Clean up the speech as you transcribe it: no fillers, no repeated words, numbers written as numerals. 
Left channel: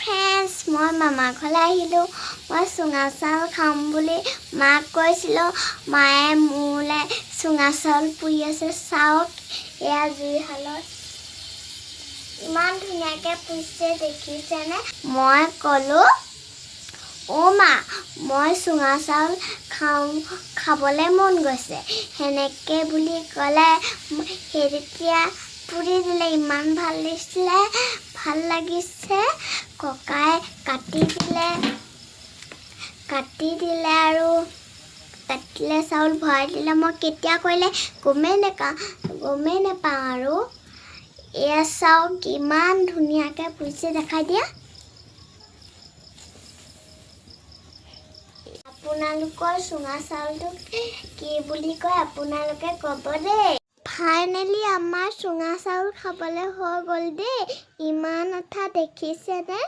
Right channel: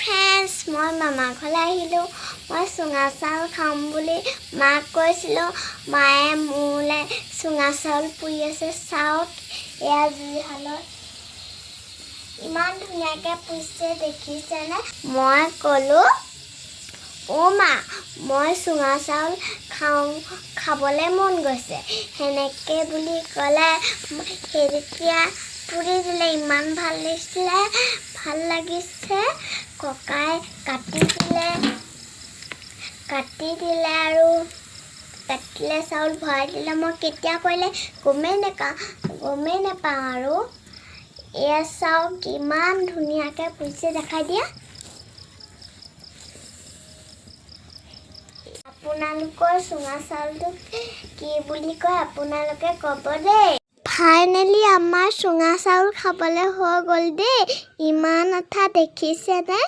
Friends, মই মামা ঘৰলৈ আহিলোঁ। মই চুঙা চাউল খাম বুলি মাক কৈছিলোঁ। মায়ে মোলৈ চুঙা চাউল পুৰি আছে। চাওক, এয়া জুইশালত ইমান ধুনীয়াকৈ পুৰিছে, দেখিছেনে? মই ক'লোঁ, অ' মা, মই চুঙা চাউল খাবলৈ মন গৈছে। সেনেকৈ বুলি ক'লে তেতিয়া পুৰি দিলে। ইমান ভাল লাগিছে। ককাই কাটি দিলে আৰু কাটিলে চাউল ভৰাই দিলে। মই কেতিয়া কৰিলে গমেই নাপাওঁ আৰু এয়া চাওক, ইমান ধুনীয়াকৈ পুৰিছে। দেখাই দিয়া। আপোনালোকৰ চুঙা চাউলটোক কি বুলি কয় আপোনালোকে ক'ব দেই। ফাইনেলি আমাৰ চুঙা চাউল খাবলৈ হৈ গ'ল দেই। ইমান আঠা, দেখিছেনে?